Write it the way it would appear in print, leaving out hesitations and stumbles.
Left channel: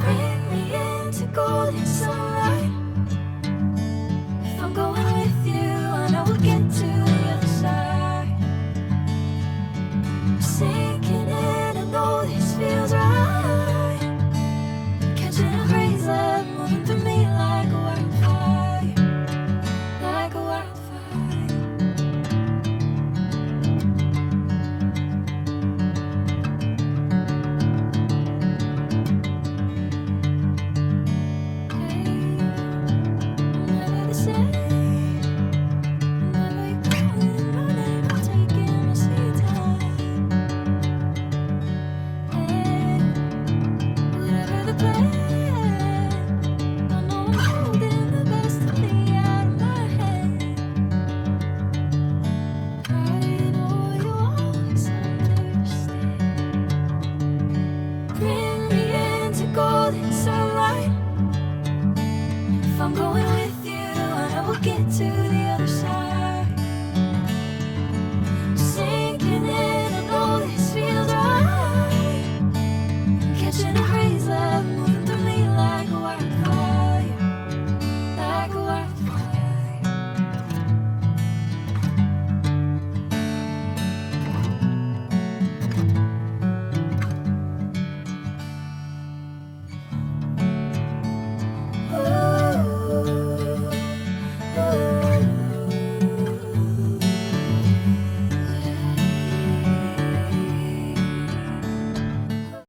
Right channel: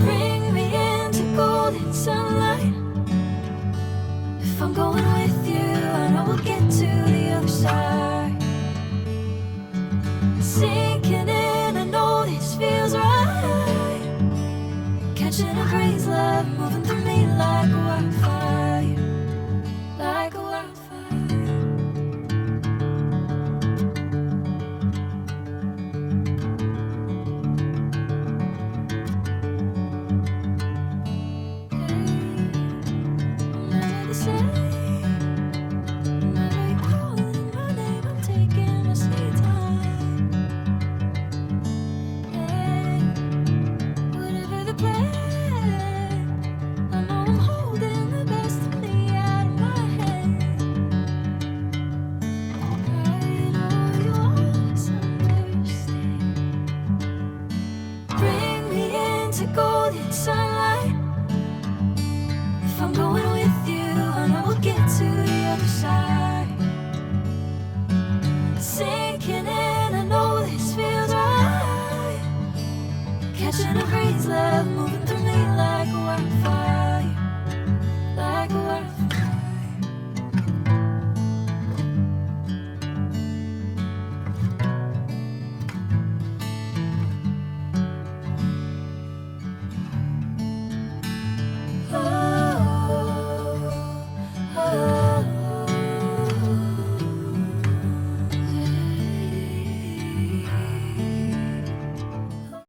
Bring me into golden sunlight. If I'm going with you, I know we'll get to the other side. Sinking in, I know this feels right. Catching a crazy love, moving through me like a wildfire, like a wildfire. I'm never the same. I'm never calling my name, I'm taking my sweet time. Whatever the plan, I know I'm holding the best of me out of my hand. I know you always understand. Bring me into golden sunlight. If I'm going with you, I know we'll get to the other side. Sinking in, I know this feels right. Catching a